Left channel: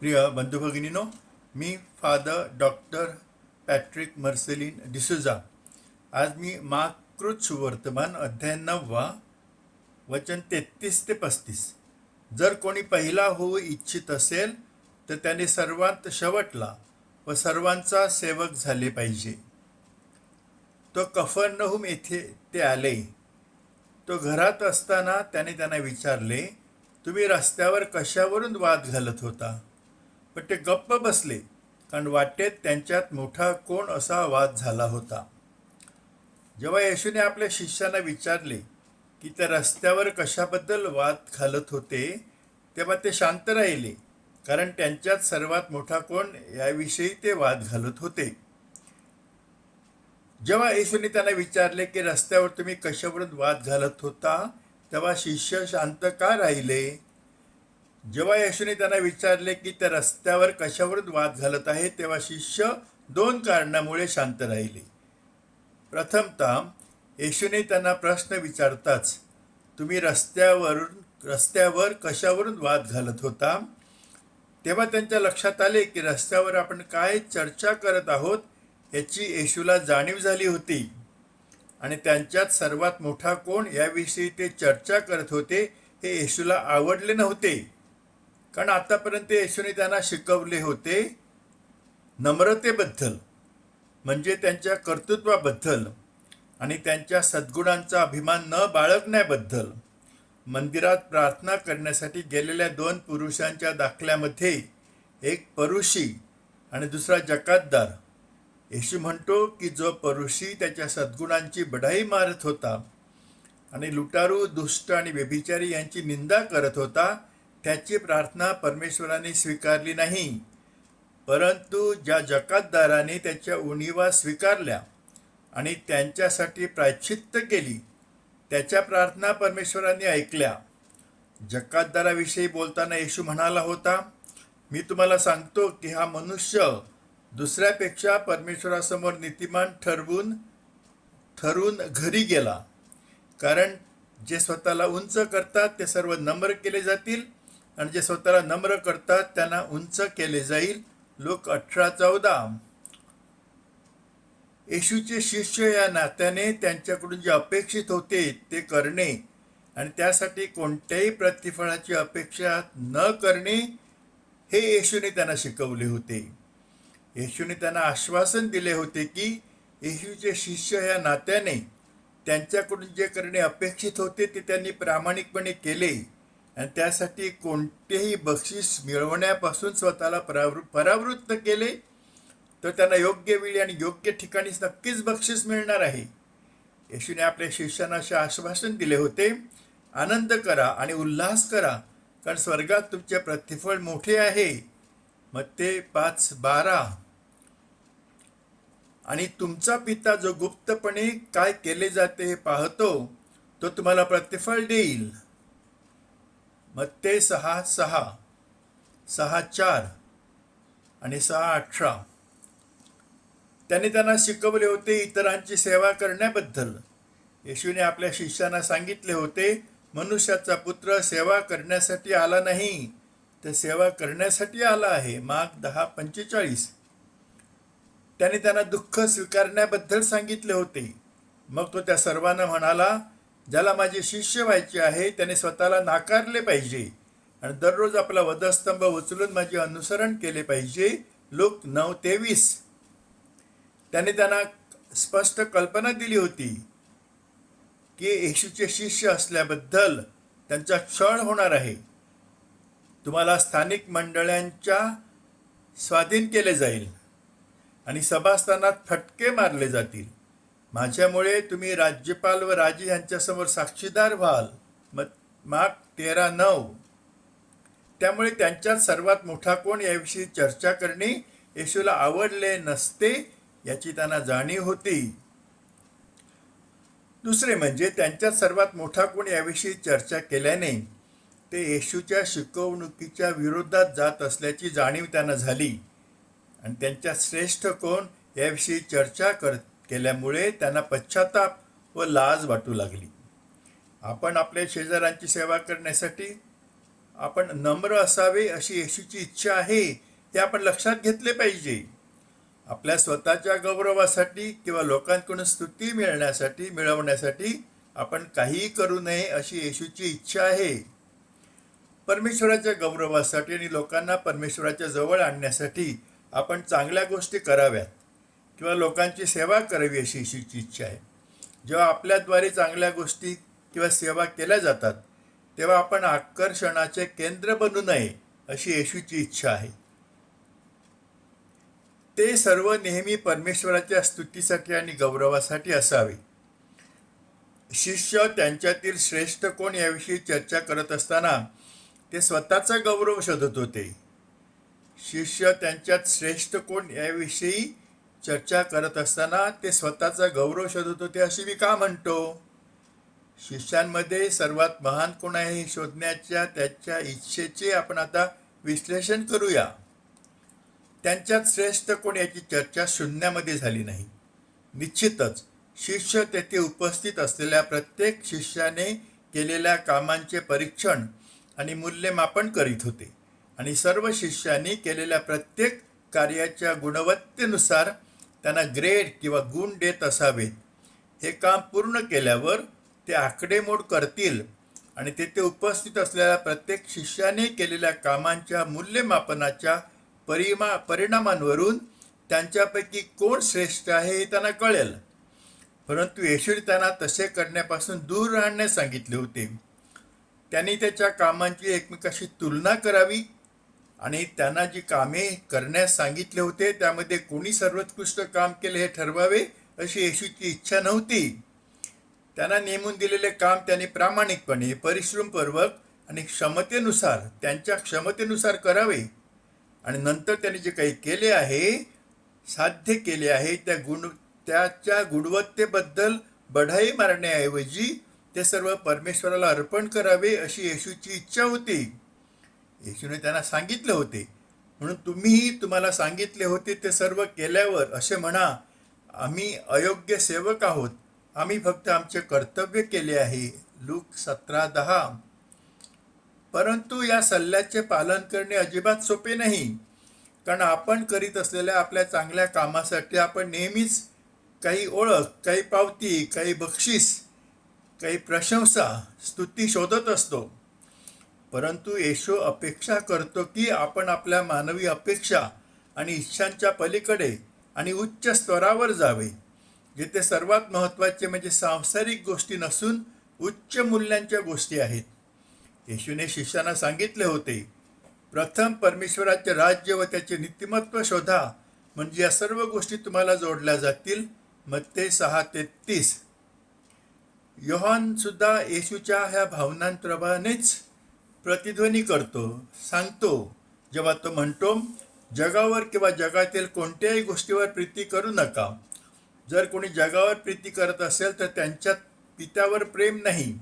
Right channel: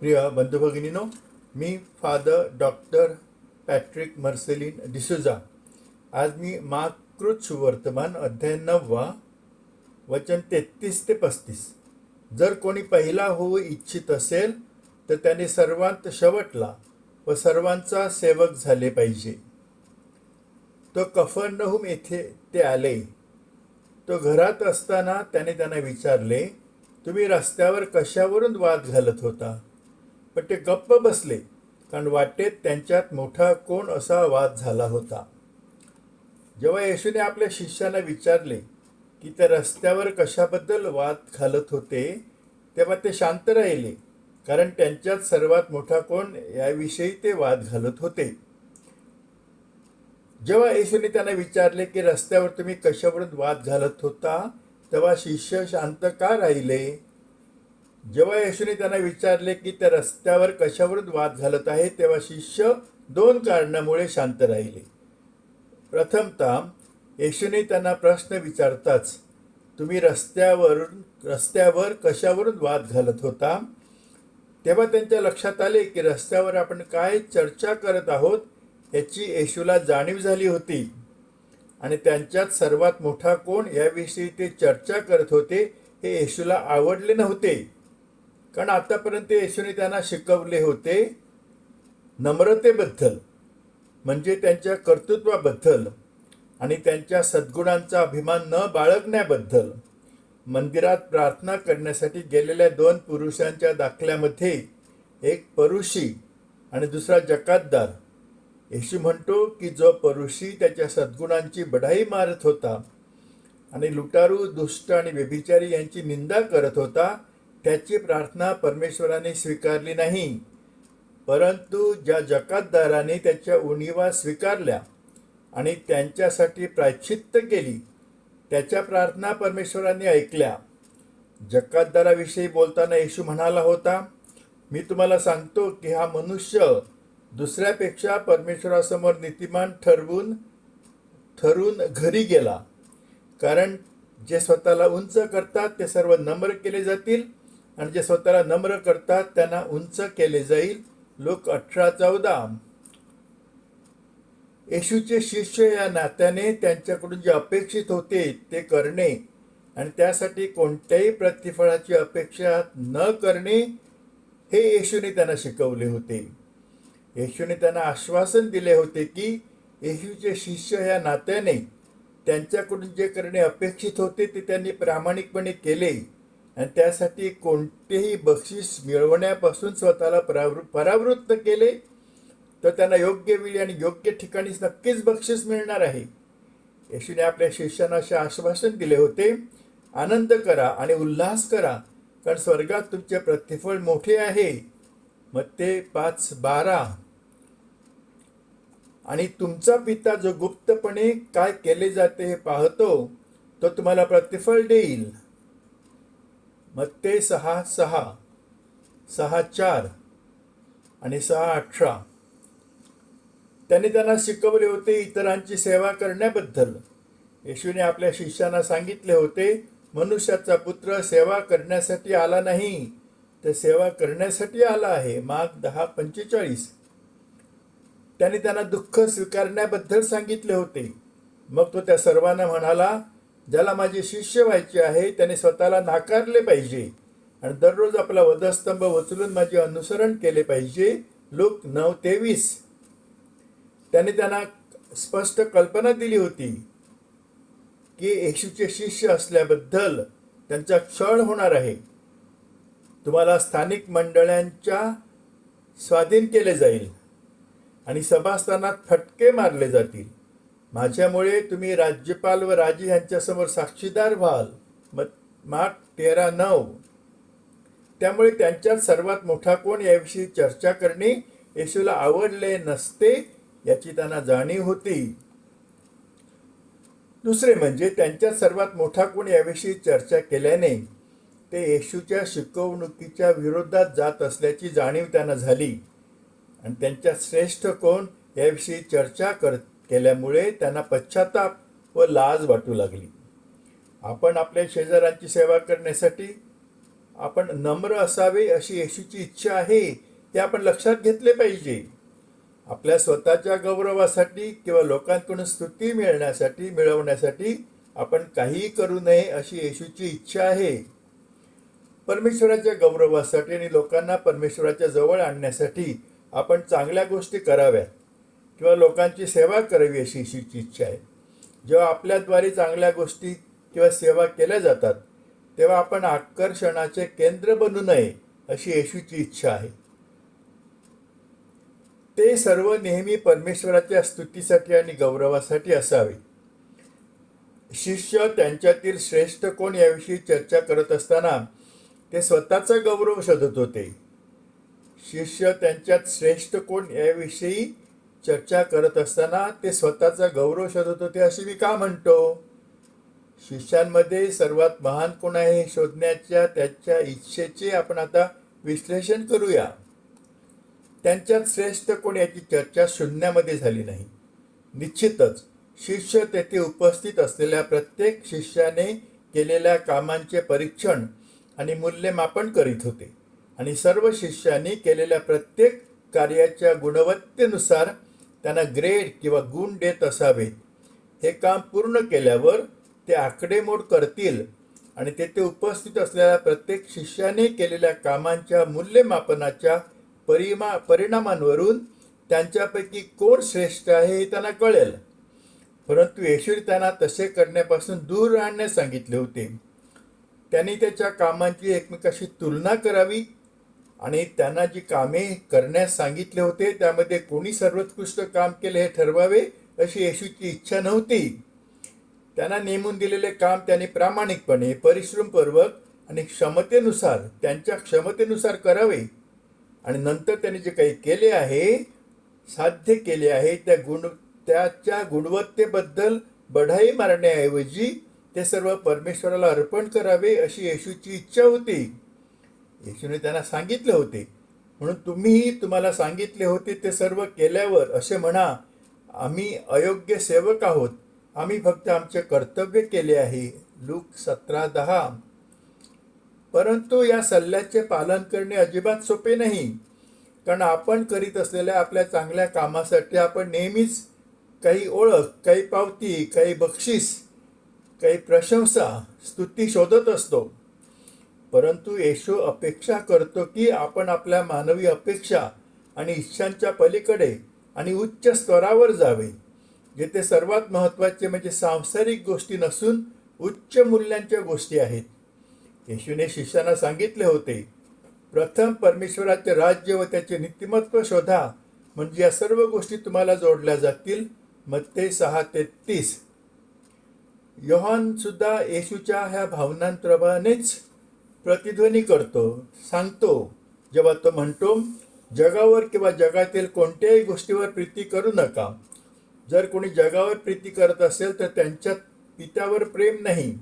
प्रिय बंधू भगिनीनो मी father doctor Patrick Marcellin D'Souza आज मी माकृत सुवर्तमान अध्याय नववा वचन तेहतीस ते पस्तीस. जर कोणी पहिला होऊ इच्छित असेल तर त्याने सर्वांत शेवटला व सर्वांचा सेवक झाले पाहिजे. तो कफरनहुम येथे ते आले. तो घरात असताना त्याने त्यांना विचारले तुम्ही रस्त्यावर कशावरून वाद घालत होता? पण ते गप्प बसले कारण वाटेत त्यांच्यात मोठा कोण असा वाद झाला होता. जेव्हा येशूने आपल्या शिष्यांना विचारले की ते रस्त्यावर कशाबद्दल वाद घालत होते तेव्हा ते शांत राहिले कारण त्यांच्यात सर्वात मोठा कोण याविषयी ते वाद घालत होते. जेव्हा येशूने त्यांना विचारले की रस्त्यावर तुम्ही कशावरून वाद घालत होता तेव्हा शिष्य शांत का राहिले? जेव्हा येशूने त्यांना विचारले की त्या रस्त्यावर कशावरून वाद घालत आहे तेव्हा शिष्य दोन कारणामुळे शांत राहिले. प्रथमतः येशूने त्यांना प्रश्न विचारताच तुम्ही रस्त्यावरून रस्त्यावर कशावरून वाद घालत होता? तेव्हा त्यांच्या लक्षात आले की रस्त्यावर आपण काय चर्चा करत आहोत याची येशूला जाणीव झाली होती. आणि त्यांच्यात सर्वात मोठा कोण याविषयी ते चर्चा करत होते हे येशूला आवडले नव्हते. कारण आतापर्यंत येशूने त्यांना शिकवले होते नम्रतेबद्दल म्हणजे त्यांच्या कर्तृत्वाबद्दल आणि त्यांच्या सद्गुणांचा अभिमान न बाळगण्याबद्दल मंदिरात प्रार्थना करण्यासाठी गेलेल्या दोन पुरुषांच्या दाखल्यामध्ये एक परुषी आणि दुसरा जकातदार. येशू म्हणतो की जो परुषी त्याच्या सद्गुणांची बढाई मारत होता आणि लुटारू दुष्ट आणि व्यभिचारी यांची निंदा करत होता त्याची प्रार्थना परमेश्वराने स्वीकारली नाही. परंतु ज्या जकातदाराने त्याच्या उणीवा स्वीकारल्या आणि त्यांच्यासाठी प्रायश्चित्त केली त्याच्या प्रार्थना परमेश्वराने ऐकल्या. जकातदाराविषयी बोलताना येशू म्हणाला होता मी तुम्हाला सांगतो की हा मनुष्य दुसऱ्यापेक्षा परमेश्वरासमोर नीतिमान ठरवून ठरून घरी गेला. कारण जे स्वतःला उंच करतात ते सर्व नम्र केले जातील आणि जे स्वतःला नम्र करतात त्यांना उंच केले जाईल. लोक अठरा चौदा येशूचे शिष्य या नात्याने त्यांच्याकडून जे अपेक्षित होते ते करणे आणि त्यासाठी कोणत्याही प्रतिफळाची अपेक्षा न करणे हे येशूने त्यांना शिकवले होते. येशूने त्यांना आश्वासन दिले होते की येशूचे शिष्य या नात्याने त्यांच्याकडून जे करणे अपेक्षित होते ते त्यांनी प्रामाणिकपणे केले. आणि त्यासाठी कोणतेही बक्षीस मिळवण्यापासून स्वतःला परावृ परावृत्त केले तर त्यांना योग्य वेळी आणि योग्य ठिकाणी नक्कीच बक्षीस मिळणार आहे. येशूने आपल्या शिष्यांना असे आश्वासन दिले होते आनंद करा आणि उल्हास करा कारण स्वर्गात तुमचे प्रतिफळ मोठे आहे. मग ते पाच बारा. आणि तुमचा पिता जो गुप्तपणे काय केले जाते हे पाहतो तो तुम्हाला प्रतिफळ देईल. ते सहा सहा सहा चार आणि सहा अठरा. त्यांनी त्यांना शिकवले होते इतरांची सेवा करण्याबद्दल. येशूने आपल्या शिष्यांना सांगितले होते मनुष्याचा पुत्र सेवा करण्यासाठी आला नाही तर सेवा करण्यासाठी आला आहे. माग दहा पंचेचाळीस. त्याने त्यांना दुःख स्वीकारण्याबद्दल सांगितले होते. मग तो त्या सर्वांना म्हणाला ज्याला माझे शिष्य व्हायचे आहे त्याने स्वतःला नाकारले पाहिजे. आणि दररोज आपला वधस्तंभ उचलून माझे अनुसरण केले पाहिजे. लोक नऊ तेवीस त्याने त्यांना स्पष्ट कल्पना दिली होती की येशूचे शिष्य असल्याबद्दल त्यांचा छळ होणार आहे. तुम्हाला स्थानिक मंडळांच्या स्वाधीन केले जाईल आणि सभास्थानात फटके मारले जातील. माझ्यामुळे तुम्ही राज्यपाल व राजे यांच्यासमोर साक्षीदार व्हाल. मग माग तेरा नऊ. त्यामुळे त्यांच्यात सर्वात मोठा कोण याविषयी चर्चा करणे येशूला आवडले नसते याची त्यांना जाणीव होती. दुसरे म्हणजे त्यांच्यात सर्वात मोठा कोण याविषयी चर्चा केल्याने ते येशूच्या शिकवणुकीच्या विरोधात जात असल्याची जाणीव त्यांना झाली. आणि त्यांच्या श्रेष्ठ कोण याविषयी चर्चा करत केल्यामुळे त्यांना पश्चाताप व लाज वाटू लागली. आपण आपल्या शेजाऱ्यांची सेवा करण्यासाठी आपण नम्र असावे अशी येशूची इच्छा आहे हे आपण लक्षात घेतले पाहिजे. आपल्या स्वतःच्या गौरवासाठी किंवा लोकांकडून स्तुती मिळण्यासाठी मिळवण्यासाठी आपण काहीही करू नये अशी येशूची इच्छा आहे. परमेश्वराच्या गौरवासाठी आणि लोकांना परमेश्वराच्या जवळ आणण्यासाठी आपण चांगल्या गोष्टी कराव्यात. किंवा लोकांची सेवा करावी अशी येशूची इच्छा आहे. जेव्हा आपल्याद्वारे चांगल्या गोष्टी किंवा सेवा केल्या जातात तेव्हा आपण आकर्षणाचे केंद्र बनू नये अशी येशूची इच्छा आहे. ते सर्व नेहमी परमेश्वराच्या स्तुतीसाठी आणि गौरवासाठी असावे. शिष्य त्यांच्यातील श्रेष्ठ कोण याविषयी चर्चा करत असताना ते स्वतःचा गौरव शोधत होते. शिष्य त्यांच्यात श्रेष्ठ कोण याविषयी चर्चा करत असताना ते स्वतःचा गौरव शोधत होते असे मी का म्हणतो? शिष्यांमध्ये सर्वात महान कोण आहे हे शोधण्याच्या त्याच्या इच्छेचे आपण आता विश्लेषण करूया. त्यांच्यात श्रेष्ठ कोण याची चर्चा शून्यामध्ये झाली नाही. निश्चितच शिष्य तेथे उपस्थित असलेल्या प्रत्येक शिष्याने केलेल्या कामांचे परीक्षण आणि मूल्यमापन करीत होते. आणि सर्व शिष्यांनी केलेल्या प्रत्येक कार्याच्या गुणवत्तेनुसार त्यांना ग्रेड किंवा गुण देत असावेत. हे काम पूर्ण केल्यावर ते आकडेमोड करतील आणि तेथे उपस्थित असलेल्या प्रत्येक शिष्याने केलेल्या कामांच्या मूल्यमापनाच्या परिमा परिणामांवरून त्यांच्यापैकी कोण श्रेष्ठ आहे हे त्यांना कळेल. परंतु येशूने त्यांना तसे करण्यापासून दूर राहण्यास सांगितले होते. त्यांनी त्याच्या कामांची एकमेकाशी तुलना करावी आणि त्यांना जी कामे करण्यास सांगितले होते त्यामध्ये कोणी सर्वोत्कृष्ट काम केले हे ठरवावे अशी येशूची इच्छा नव्हती. त्यांना नेमून दिलेले काम त्यांनी प्रामाणिकपणे परिश्रमपूर्वक आणि क्षमतेनुसार त्यांच्या क्षमतेनुसार करावे. आणि नंतर त्यांनी जे काही केले आहे साध्य केले आहे त्या गुण त्याच्या गुणवत्तेबद्दल बढाई मारण्याऐवजी ते सर्व परमेश्वराला अर्पण करावे अशी येशूची इच्छा होती. येशूने त्यांना सांगितले होते. म्हणून तुम्हीही तुम्हाला सांगितले होते ते सर्व केल्यावर असे म्हणा आम्ही अयोग्य सेवक आहोत. आम्ही फक्त आमचे कर्तव्य केले आहे. लूक सतरा दहा. परंतु या सल्ल्याचे पालन करणे अजिबात सोपे नाही. कारण आपण करीत असलेल्या आपल्या चांगल्या कामासाठी आपण नेहमीच काही ओळख काही पावती काही बक्षीस काही प्रशंसा स्तुती शोधत असतो. परंतु येशू अपेक्षा करतो की आपण आपल्या मानवी अपेक्षा आणि इच्छांच्या पलीकडे आणि उच्च स्तरावर जावे जेथे सर्वात महत्त्वाचे म्हणजे सांसारिक गोष्टी नसून उच्च मूल्यांच्या गोष्टी आहेत. येशूने शिष्यांना सांगितले होते प्रथम परमेश्वराचे राज्य व त्याचे नीतिमत्व शोधा म्हणजे या सर्व गोष्टी तुम्हाला जोडल्या जातील. मत्ते सहा तेहतीस योहानसुद्धा येशूच्या ह्या भावनांप्रमाणेच प्रतिध्वनी करतो सांगतो. जेव्हा तो म्हणतो जगावर किंवा जगातील कोणत्याही गोष्टीवर प्रीती करू नका. जर कोणी जगावर प्रीती करत असेल तर त्यांच्यात पित्यावर प्रेम नाही.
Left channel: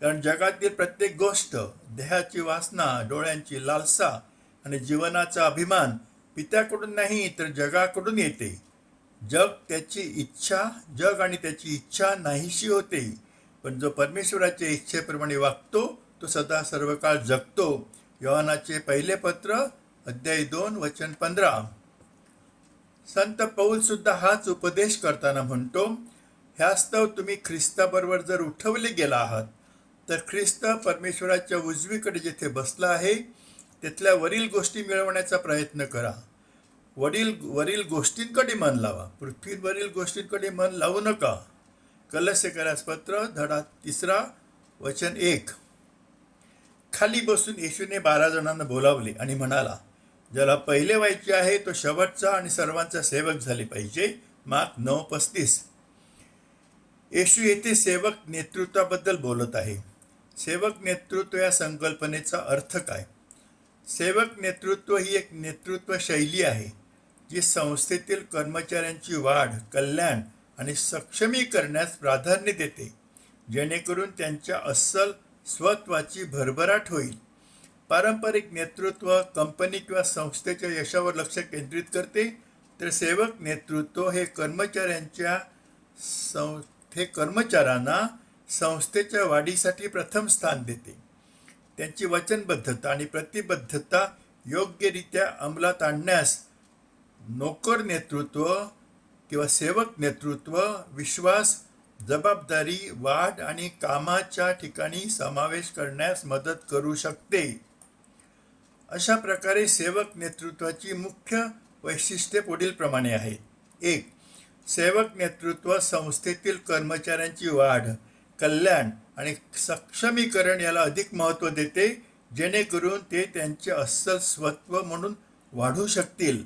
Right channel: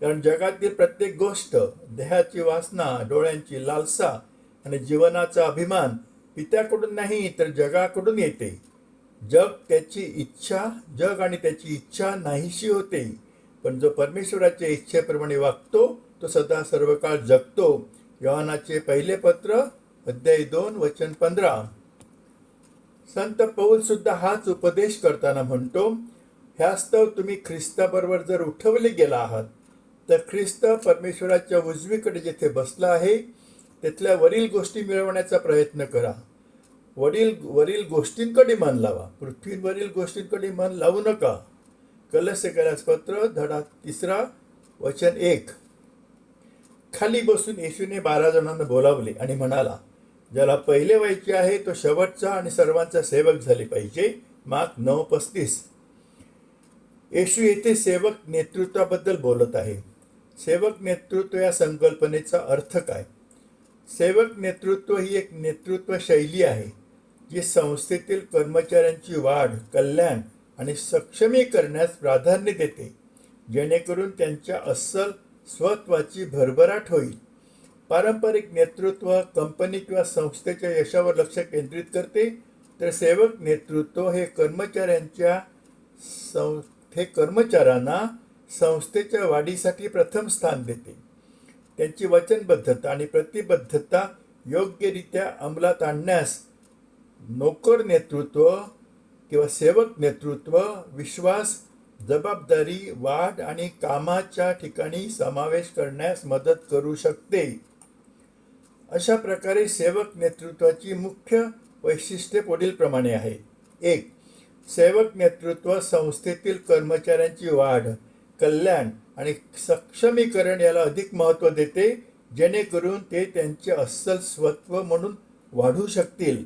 कारण जगातील प्रत्येक गोष्ट देहाची वासना डोळ्यांची लालसा आणि जीवनाचा अभिमान पित्याकडून नाही तर जगाकडून येते. जग त्याची इच्छा जग आणि त्याची इच्छा नाहीशी होते. पण जो परमेश्वराच्या इच्छेप्रमाणे वागतो तो सदा सर्व काळ जगतो. योहानाचे पहिले पत्र अध्याय दोन वचन पंधरा. संत पौल सुद्धा हाच उपदेश करताना म्हणतो ह्यास्तव तुम्ही ख्रिस्ताबरोबर जर उठवले गेला आहात तर ख्रिस्त परमेश्वराच्या उजवीकडे जेथे बसला आहे तिथल्या वरील गोष्टी मिळवण्याचा प्रयत्न करा. वडील वरील गोष्टींकडे मन लावा. पृथ्वीवरील गोष्टींकडे मन लावू नका. कलस्य पत्र धडा तिसरा वचन एक. खाली बसून येशूने बारा जणांना बोलावले आणि म्हणाला ज्याला पहिले व्हायचे आहे तो शेवटचा आणि सर्वांचा सेवक झाले पाहिजे. माग नऊ पस्तीस. येशू येथे सेवक नेतृत्वाबद्दल बोलत आहे. सेवक नेतृत्व या संकल्पनेचा अर्थ काय? सेवक नेतृत्व ही एक नेतृत्व शैली आहे जी संस्थेतील कर्मचाऱ्यांची वाढ कल्याण आणि सक्षमी करण्यास प्राधान्य देते. जेणेकरून त्यांच्या अस्सल स्वत्वाची भरभराट होईल. पारंपरिक नेतृत्व कंपनी किंवा संस्थेच्या यशावर लक्ष केंद्रित करते तर सेवक नेतृत्व हे कर्मचाऱ्यांच्या सं हे कर्मचाऱ्यांना संस्थेच्या वाढीसाठी प्रथम स्थान देते. त्यांची वचनबद्धता आणि प्रतिबद्धता योग्यरित्या अंमलात आणण्यास नोकर नेतृत्व किंवा सेवक नेतृत्व विश्वास जबाबदारी वाढ आणि कामाच्या ठिकाणी समावेश करण्यास मदत करू शकते. अशा प्रकारे सेवक नेतृत्वाची मुख्य वैशिष्ट्ये पुढीलप्रमाणे आहेत. एक सेवक नेतृत्व संस्थेतील कर्मचाऱ्यांची वाढ कल्याण आणि सक्षमीकरण याला अधिक महत्त्व देते जेणेकरून ते त्यांचे अस्सल स्वत्व म्हणून वाढू शकतील.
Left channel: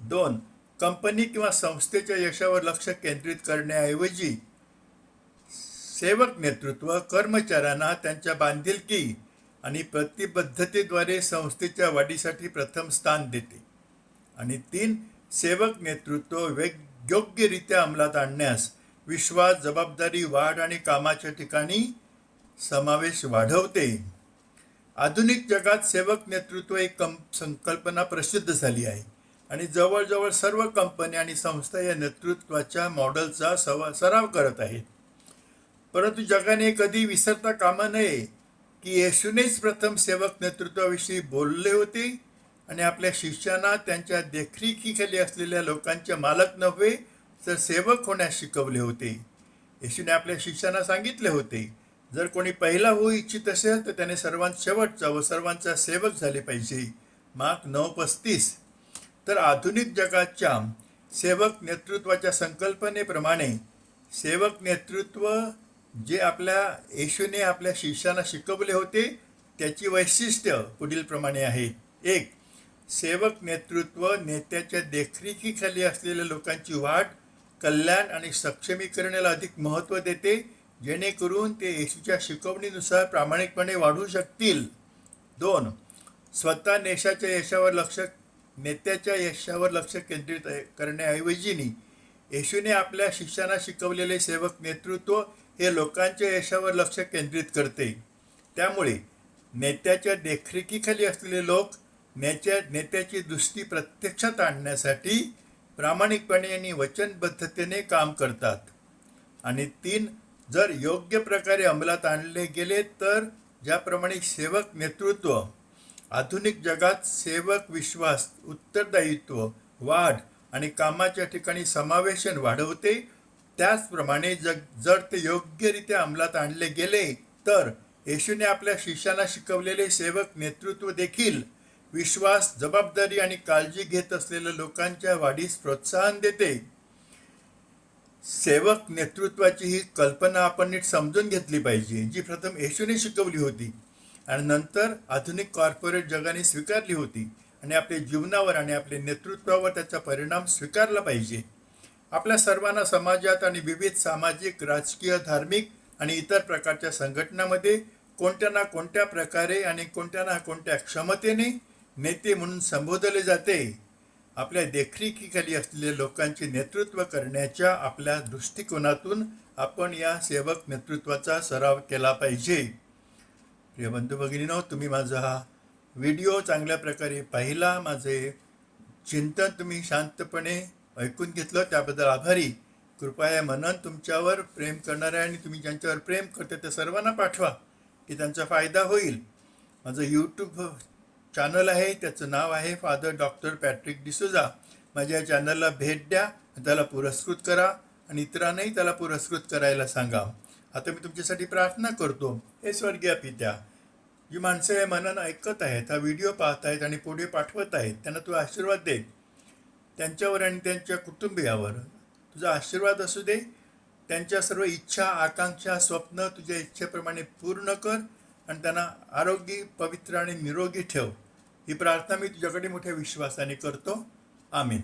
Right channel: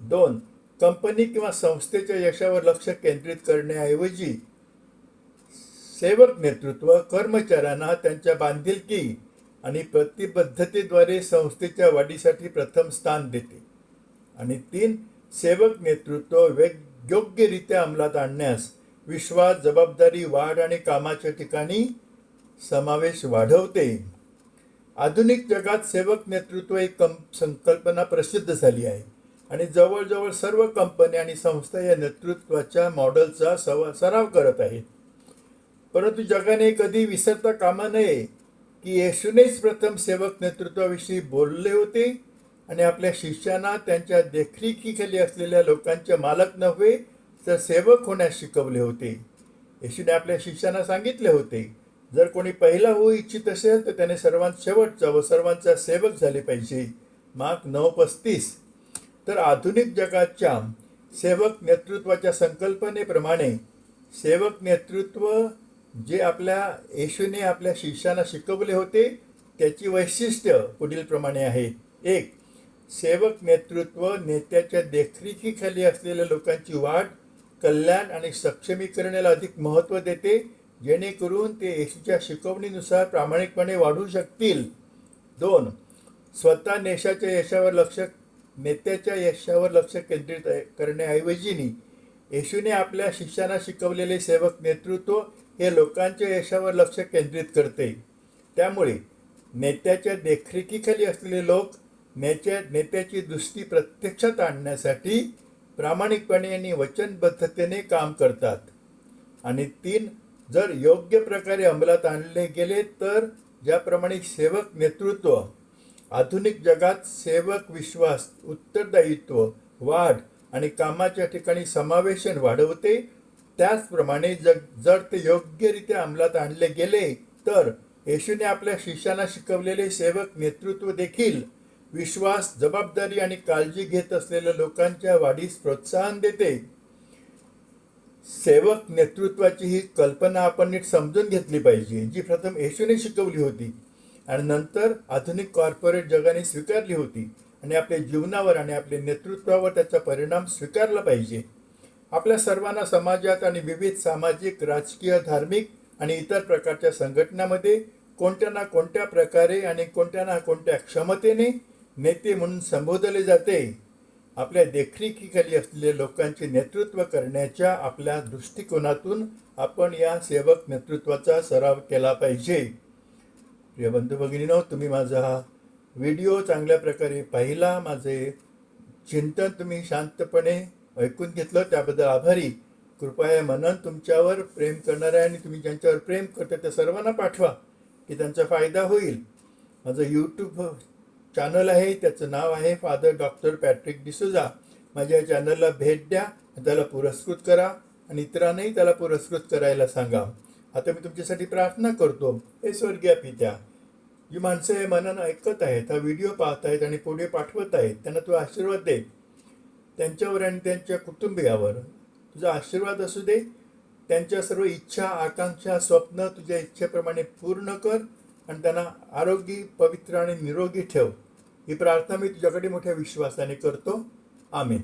दोन कंपनी किंवा संस्थेच्या यशावर लक्ष केंद्रित करण्याऐवजी सेवक नेतृत्व कर्मचाऱ्यांना त्यांच्या बांधिलकी आणि प्रतिबद्धतेद्वारे संस्थेच्या वाढीसाठी प्रथम स्थान देते. आणि तीन सेवक नेतृत्व वेग योग्यरित्या अंमलात आणण्यास विश्वास जबाबदारी वाढ आणि कामाच्या ठिकाणी समावेश वाढवते. आधुनिक जगात सेवक नेतृत्व ही कं संकल्पना प्रसिद्ध झाली आहे. आणि जवळजवळ सर्व कंपन्या आणि संस्था या नेतृत्वाच्या मॉडेलचा सवा सराव करत आहेत. परंतु जगाने कधी विसरता कामा नये की येशूनेच प्रथम सेवक नेतृत्वाविषयी बोलले होते आणि आपल्या शिष्यांना त्यांच्या देखरेखीखाली असलेल्या लोकांचे मालक नव्हे तर सेवक होण्यास शिकवले होते. येशूने आपल्या शिष्यांना सांगितले होते जर कोणी पहिला होऊ इच्छित असेल तर त्याने सर्वांत शेवटचा व सर्वांचा सेवक झाले पाहिजे. मार्क नऊ पस्तीस. तर आधुनिक जगाच्या सेवक नेतृत्वाच्या संकल्पनेप्रमाणे सेवक नेतृत्व जे आपल्या येशूने आपल्या शिष्यांना शिकवले होते त्याची वैशिष्ट्य पुढीलप्रमाणे आहेत एक सेवक नेतृत्व नेत्याच्या देखरेखीखाली असलेल्या लोकांची वाढ कल्याण आणि सक्षमीकरणाला अधिक महत्त्व देते जेणेकरून ते येशूच्या शिकवणीनुसार प्रामाणिकपणे वाढू शकतील. दोन स्वतः नेशाच्या यशावर लक्ष नेत्याच्या यशावर लक्ष केंद्रित करण्याऐवजीनी येशूने आपल्या शिक्षणात शिकवलेले सेवक नेतृत्व हे लोकांच्या यशावर लक्ष केंद्रित करते. त्यामुळे नेत्याच्या देखरेखीखाली असलेले लोक नेत्या नेत्याची दृष्टी प्रत्यक्षात आणण्यासाठी प्रामाणिकपणे आणि वचनबद्धतेने काम करतात. आणि तीन जर योग्य प्रकारे अंमलात आणले गेले तर ज्याप्रमाणे सेवक नेतृत्व आधुनिक जगात सेवक विश्वास उत्तरदायित्व वाढ आणि कामाच्या ठिकाणी समावेशन वाढवते त्याचप्रमाणे जग जर ते योग्यरित्या अंमलात आणले गेले तर येशूने आपल्या शिष्यांना शिकवलेले सेवक नेतृत्व देखील विश्वास जबाबदारी आणि काळजी घेत असलेल्या लोकांच्या वाढीस प्रोत्साहन देते. सेवक नेतृत्वाची ही कल्पना आपण नीट समजून घेतली पाहिजे जी प्रथम येशूने शिकवली होती आणि नंतर आधुनिक कॉर्पोरेट जगाने स्वीकारली होती. आणि आपल्या जीवनावर आणि आपल्या नेतृत्वावर त्याचा परिणाम स्वीकारला पाहिजे. आपल्या सर्वांना समाजात आणि विविध सामाजिक राजकीय धार्मिक आणि इतर प्रकारच्या संघटनामध्ये कोणत्या ना कोणत्या प्रकारे आणि कोणत्या ना कोणत्या क्षमतेने नेते म्हणून संबोधले जाते आपल्या देखरेखीखाली असलेल्या लोकांचे नेतृत्व करण्याच्या आपल्या दृष्टिकोनातून आपण या सेवक नेतृत्वाचा सराव केला पाहिजे. प्रिय बंधू भगिनीनो तुम्ही माझा हा व्हिडिओ चांगल्या प्रकारे पाहिला माझे चिंतन तुम्ही शांतपणे ऐकून घेतलं. त्याबद्दल आभारी. कृपया मनन तुमच्यावर प्रेम करणारे आणि तुम्ही ज्यांच्यावर प्रेम करते त्या सर्वांना पाठवा की त्यांचा फायदा होईल. माझं यूट्यूब चॅनल आहे त्याचं नाव आहे फादर डॉक्टर पॅट्रिक डिसुजा माझ्या या चॅनलला भेट द्या त्याला पुरस्कृत करा आणि इतरांनाही त्याला पुरस्कृत करायला सांगा. आता मी तुमच्यासाठी प्रार्थना करतो. हे स्वर्गीय पित्या जी माणसं हे मनानं ऐकत आहेत हा व्हिडिओ पाहत आहेत आणि पुढे पाठवत आहेत त्यांना तू आशीर्वाद दे त्यांच्यावर आणि त्यांच्या कुटुंबियावर. तुझा आशीर्वाद असू दे. त्यांच्या सर्व इच्छा आकांक्षा स्वप्न तुझ्या इच्छेप्रमाणे पूर्ण कर आणि त्यांना आरोग्य पवित्र आणि निरोगी ठेव. ही प्रार्थना मी तुझ्याकडे मोठ्या विश्वासाने करतो. आमेन.